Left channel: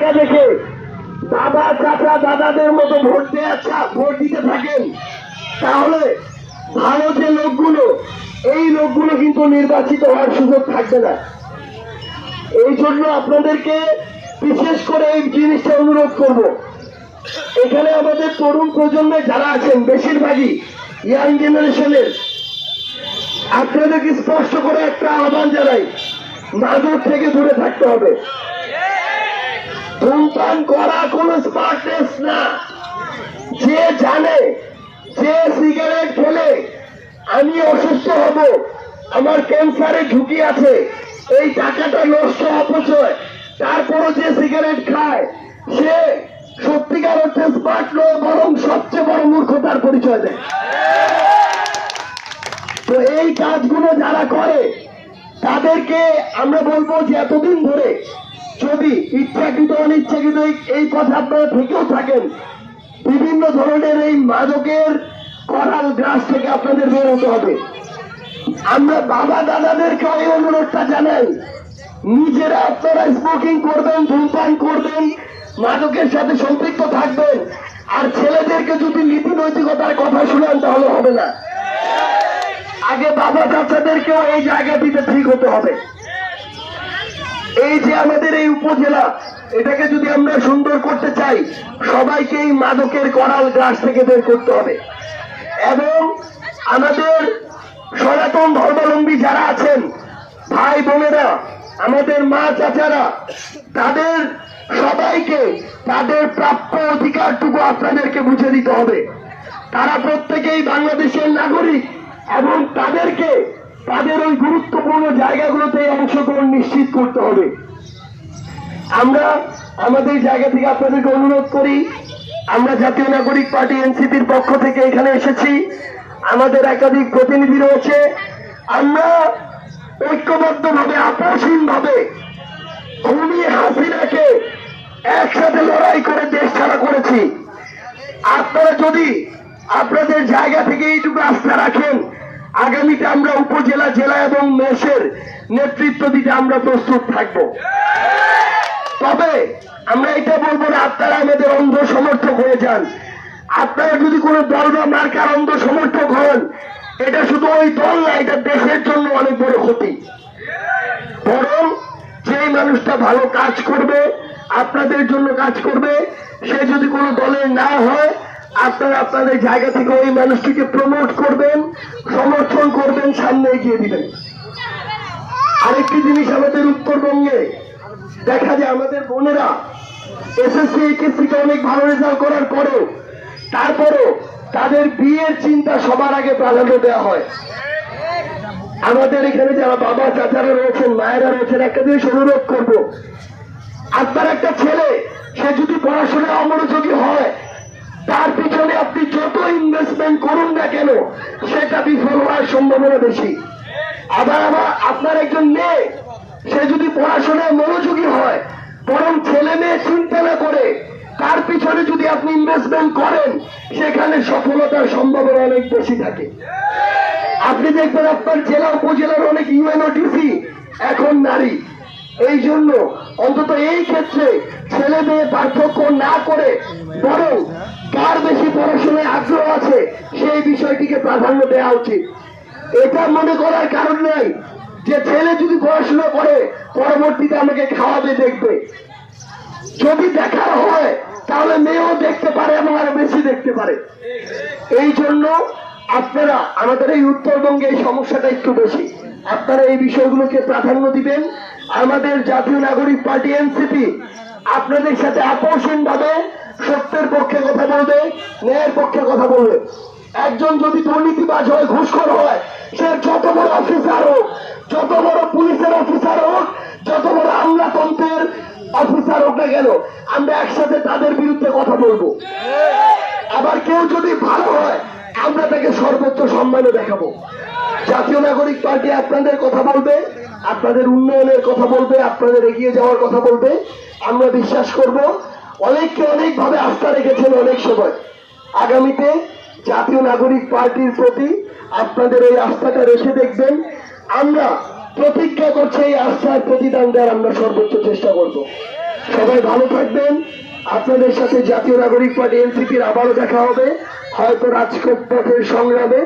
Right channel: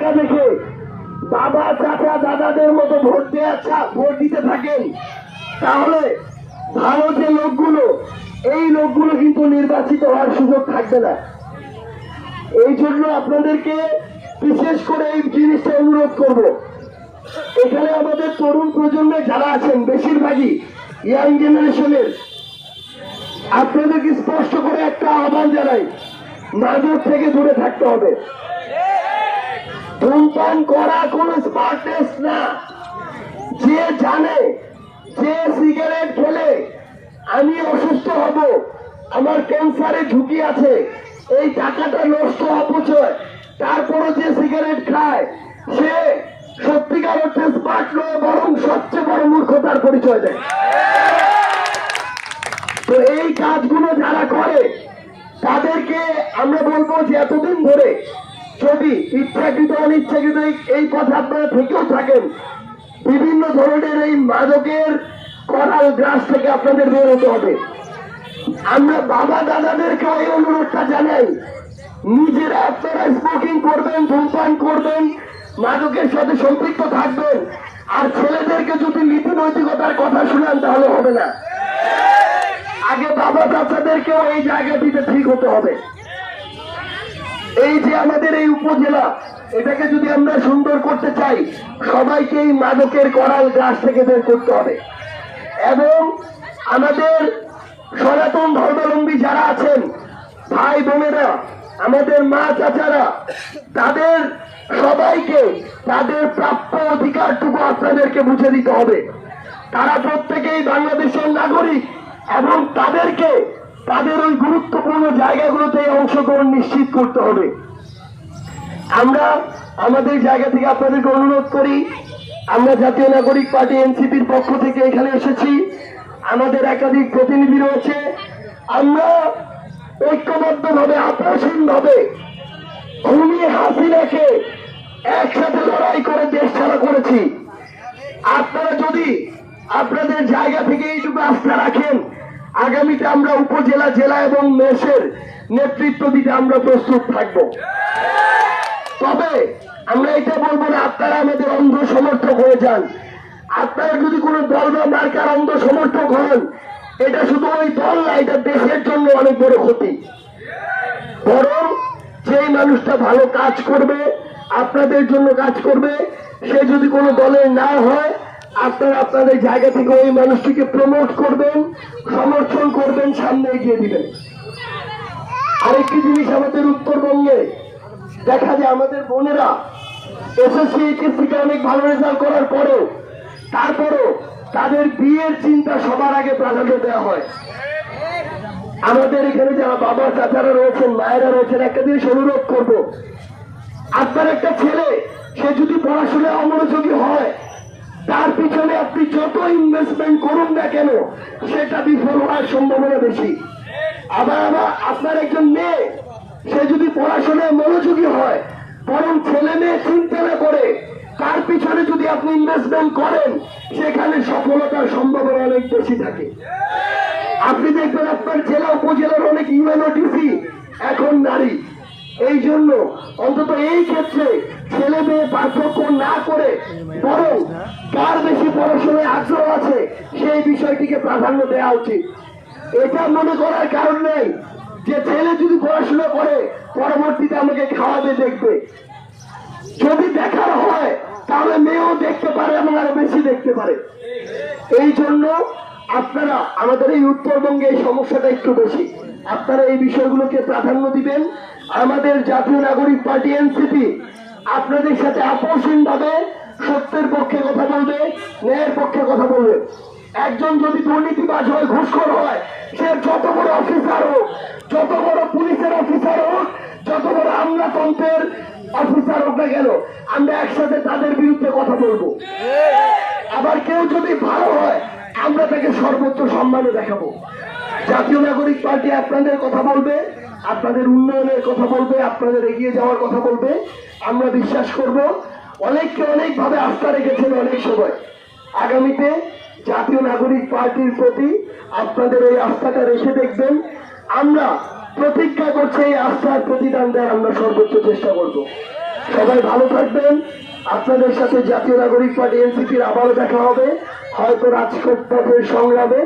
ধাক্কা দেখে দাদা চাচা দাদাদের মতো ভোট দিতে থাকেন, তাহলে ভালো যে লোকগুলো, এই লোকগুলো কিন্তু নির্বাচিত হওয়ার সুযোগ থাকবে না। এই জন্য আপনাদেরকে বিশেষ করে এই জিনিসটা অনুরোধ করব, এখানে আমাদের তরুণ প্রজন্মে যারা আছেন বেশিরভাগই ইয়াং জেনারেশনের, আপনাদেরকে স্পষ্ট করে একটা আহ্বান জানাই, মাদক থেকে দূরে থাকতে হবে। ধূমপান করা কোনো স্মার্টনেস না। যে জানে যে সিগারেট খেলে আমি অসুস্থ হব, আমার ক্যান্সারের ঝুঁকি আছে, এই টাকাটা নষ্ট অপচয়, তারপরও যে সিগারেট খায় সে সত্যিকার অর্থে স্মার্ট নয়, বরং সবচেয়ে বড় মূর্খতার পরিচয় দেয়। তো এই কাজগুলো যারা করে তাদেরকে আমরা বলবো যে এতদিন ধরে যদি ইচ্ছাকৃত অনিচ্ছাকৃত এই পথে আপনারা থেকেও থাকেন, বিভিন্ন ধরনের এই মাদকের করাল গ্রাস থেকে আপনাদের বের হতে হবে। আমরা বাবা দাদাদেরকে ওই অনুরোধটা জানাই, নিজেরা আপনারা স্মোকিং করবেন, ধূমপান করবেন, মাদকের সাথে সম্পৃক্ত থাকবেন, আর ছেলেদেরকে যদি নীতি নৈতিকতার কথা শুনেন তাহলে হবে না। আগে বাবা চাচাদেরকেও এই জায়গাটিতে ঠিক হতে হবে। এই যে আমাদের এই উপজেলা, এটাকে যদি আমরা সুন্দর করতে চাই, সবাইকে এই মাদকের করাল গ্রাস থেকে বের করতে হবে। এবং আমাদের সনাতন ধর্মাবলম্বী যারা আছেন, ভাই বোনেরা, আমাদের মা চাচারা, তাদের সবাইকে তাদের প্রাপ্য অধিকারটুকু আপনাদেরকে বুঝে দিতে হবে। তারা প্রত্যেকেই বাংলাদেশের নাগরিক এবং তাদেরকে তাদের ওই গুরুত্বপূর্ণ জায়গাগুলোতে অংশগ্রহণ নিশ্চিত করতে হবে। আমরা আমাদের জায়গা থেকে আপনাদেরকে অনুরোধ করি, আমরা জাতীয় নাগরিক পার্টি এনসিপির পক্ষ থেকে এখানে এসেছি, আমাদের একাধিক প্রতিনিধি রয়েছে, আমরা ঐক্যবদ্ধভাবে আপোষহীনভাবে খুনি হাসিনাকে একসাথে লড়াই করে দেশ ছাড়া করেছি। আপনারা যদি আপনাদের জায়গা থেকে এইটুকু আস্থা রাখেন, আগামীতে আমরা উপজেলা, জেলা এবং মেসের নেতৃত্ব দিতে আমরা প্রস্তুত থাকব। তবে আমরা এটা বলবো না আপনারা আমাদের অন্ধ সমর্থক হয়ে যান। আপনারা যদি কোনো দল বা মার্কার অন্ধ সমর্থক হন, এটা শুধু ওই দল না, এটা দেশের জন্য অনেক বড় ক্ষতি। বরং যেই মানুষটা ভালো কাজ করবে, আপনাদের জন্য কাজ করবে, সে যদি কোনো দলের না হয়, আপনারা আপনাদের জায়গা থেকে ওই মানুষটিকে প্রমোট করবেন, সমর্থন করবেন, সামনে এগিয়ে দিবেন। আরেকটি জিনিস, আমাদের উত্তরবঙ্গে দেখা যায় আমাদের বোনেরা এসএসসি এইচএসসিতে অনেক ভালো রেজাল্ট করার পরেও তারপরও তাদের বিয়ের চিন্তা সবার আগে প্রাধান্য দেওয়া হয়। আমাদের এখানে যারা বাবা চাচারা রয়েছেন, মায়েরা রয়েছেন, একটা জিনিস অনুরোধ করবো, আপনার একটা ছেলে সে যদি পড়াশোনায় অমনোযোগী হয়, তার পিছনে আপনি যত ইনভেস্টমেন্ট করুন না কেন, সেটা বিফল হওয়ার সম্ভাবনা বেশি। আবার আপনার একজন মেয়ে, সে যদি পড়াশোনায় মনোযোগী হয়, বরং ছেলে মেয়ে চিন্তা না করে তার পিছনে যদি আপনি ইনভেস্টমেন্ট করেন, সেখানে সফলতার সম্ভাবনা অনেক বেশি থাকে। আপনি দেখবেন আপনার জেলা উপজেলার অনেক ইউএনওটিসি এখন নারী। এই জন্য অন্তত এই ক্ষেত্রে ছেলে মেয়ে পার্থক্য না করে, বরং কার বেশি পড়াশোনায় আগ্রহ আছে সেই বিষয়টিকে প্রাধান্য দেওয়া উচিত। এটা মনে করার কারণ নাই যে ছেলে যদি পড়াশোনা করে পরবর্তীতে আমাকে খাওয়াবে, দেখবে। যদি দেখার হয় তাহলে মেয়েও দেখতে পারে এবং আরো বেশি দেখতে পারে। এই জন্য আপনারা, আমাদের এই উত্তরবঙ্গে এই সমস্যাটা একটু বেশি, আপনারা এই বিষয়গুলোকে প্রাধান্য দিবেন। আমাদের জাতীয় নাগরিক পার্টি এনসিপি আপনাদের সাথে আপোষহীন ভাবে সত্যের পক্ষে কথা বলবে, ন্যায়ের পক্ষে কথা বলবে। একজন যদি দুর্নীতিবাজ হয়, ঘুষখোর হয়, সে যত বড় অফিসার হোক, যত বড় পুলিশের অফিসার হোক, যত বড় আমলাতন্ত্রের অফিসার হোক না কেন, আমরা একসাথে তাদের বিরুদ্ধে কথা বলবো। আবার কেউ যদি ভালো হয়, আমরা তাকে সর্বোচ্চ সম্মানে দেখাবো। জাতীয় নাগরিক পার্টি আপনাদের কথা বলবে, আপনাদের উন্নয়নের কথা বলবে, আপনাদের এগিয়ে যাওয়ার কথা বলবে। আমরা বিশ্বাস করব অনেককে অনেকভাবে আস্থা রেখেছেন অনেক সময়, আগামীতে জাতীয় নাগরিক পার্টির প্রতি আপনাদের এই আস্থাটা রেখে দেখবেন। আমরা প্রতিজ্ঞা করছি এই আস্থার প্রতিদান দেওয়ার আমরা সর্বোচ্চ চেষ্টা করব। সবাই ভালো থাকবেন। আপনাদের সাথে জাতীয় নাগরিক পার্টি এনসিপির আবারও দেখা হবে, হয়তো রাজপথের সংগ্রামে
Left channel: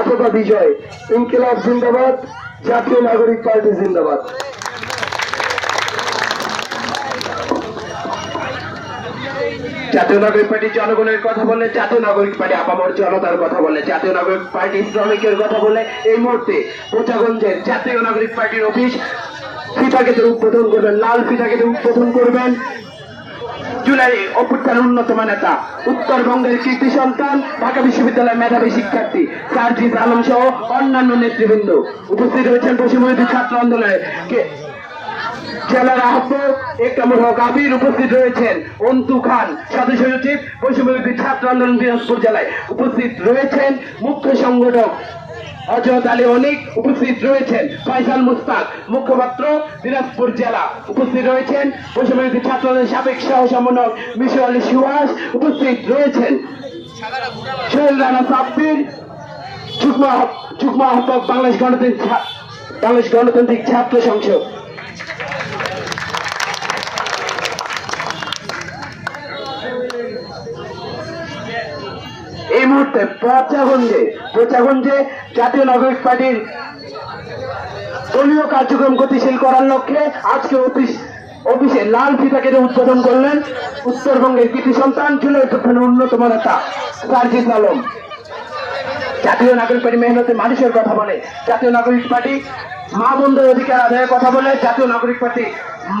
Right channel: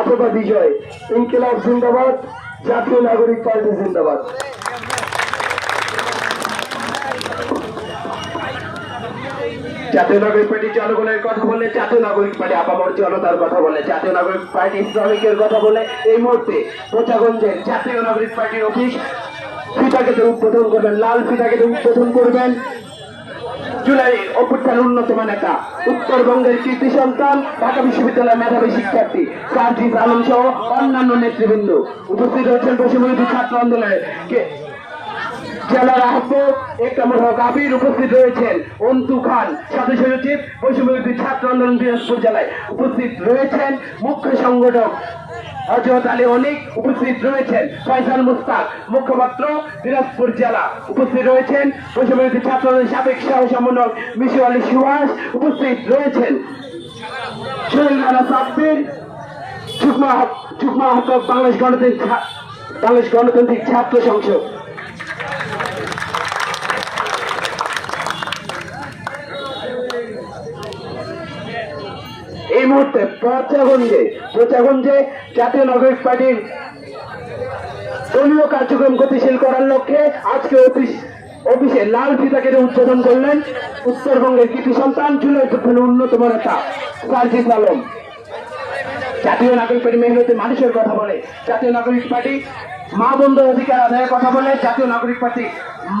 অথবা বিজয়। ইনকিলাব জিন্দাবাদ, জাতীয় নাগরিক পার্টি জিন্দাবাদ। জাতীয় নাগরিক পার্টি জনগণের কথা বলে, জাতীয় নাগরিক পার্টি আপামর জনতার কথা বলে, জাতীয় নাগরিক পার্টি শ্রমিকের কথা বলে। এই মুহূর্তে কোচাগঞ্জের জাতীয় নাগরিক পার্টির অফিস ফিতাকেতে উদ্বোধন করবেন, লাল ফিতাকেতে উদ্বোধন করবেন জুলাই অভ্যুত্থানের অন্যতম নেতা, উত্তরবঙ্গের কৃতি সন্তান, ঢাকা বিশ্ববিদ্যালয়ের মেধাবী শিক্ষার্থী সার্জিস আলম সহ অন্যান্য নেতৃবৃন্দ উপস্থিত রয়েছেন। বৈষম্যবিরোধী ছাত্র আন্দোলনের জেলার আহ্বায়ক একরামুল হক আবির উপস্থিত রয়েছেন। অন্তু খান সদস্য সচিব বৈষম্যবিরোধী ছাত্র আন্দোলন দিনাজপুর জেলায় উপস্থিত রয়েছেন। মুখ্য সংগঠক হযরত আলী অনিক উপস্থিত রয়েছেন। ফয়সাল মুস্তাক মুখপাত্র দিনাজপুর জেলা উপস্থিত রয়েছেন। বৈষম্যবিরোধী ছাত্র আন্দোলনের সাবেক সহ সমন্বয়ক মিশর আলী সুহাস উপস্থিত রয়েছেন। সোহেল রানা সাব্বির যুগ্ম আহ্বায়ক বাংলাদেশ গণতান্ত্রিক ছাত্র সংসদ। এই মুহূর্তে প্রচাগঞ্জে জাতীয় নাগরিক পার্টির দলীয় কার্যক্রম গতিশীল করার লক্ষ্যে আজকে অফিসে লাল ফিতা কেটে উদ্বোধন করলেন উত্তরবঙ্গের কৃতি সন্তান, জুলাই অভ্যুত্থানের অন্যতম নেতা সার্জিস আলম। জাতীয় নাগরিক পার্টি মেহনতি মানুষের কথা বলে, জাতীয় নাগরিক পার্টি মা বোনদের অধিকার আদায়ের কথা বলে, জাতীয় নাগরিক পার্টি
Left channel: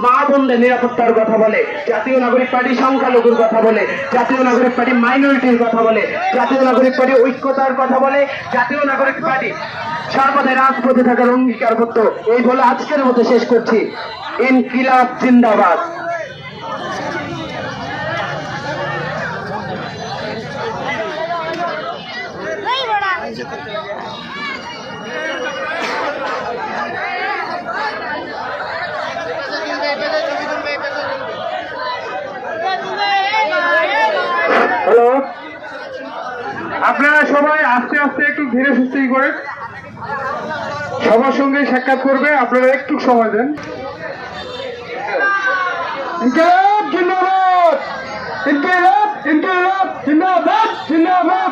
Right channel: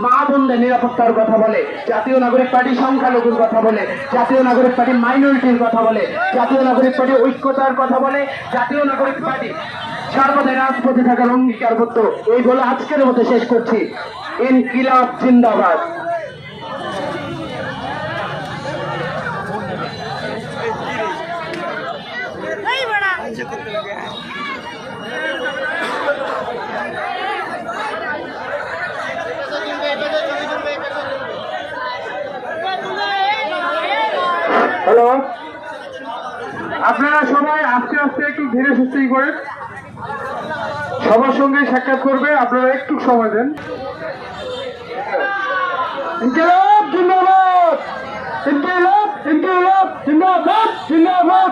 মা বোনদের নিরাপত্তার কথা বলে, জাতীয় নাগরিক পার্টি সংখ্যালঘুর কথা বলে, জাতীয় নাগরিক পার্টি মাইনরিটির কথা বলে, জাতীয় নাগরিক পার্টি ঐক্যতার কথা বলে, জাতীয় নাগরিক পার্টি সর্বদাই রাজপথে থাকার অঙ্গীকারবদ্ধ। এই বলে আজকের মতো শেষ করছি। ইনকিলাব জিন্দাবাদ। হ্যালো, আপনারা সবাই আস্তে আস্তে একটু ধীরে সুস্থে করেন, সবার সঙ্গে সাক্ষাৎ করবে, আপনারা একটু সময় দেন। ইনকিলাব জিন্দাবাদ, ইনকিলাব জিন্দাবাদ, জিন্দাবাদ।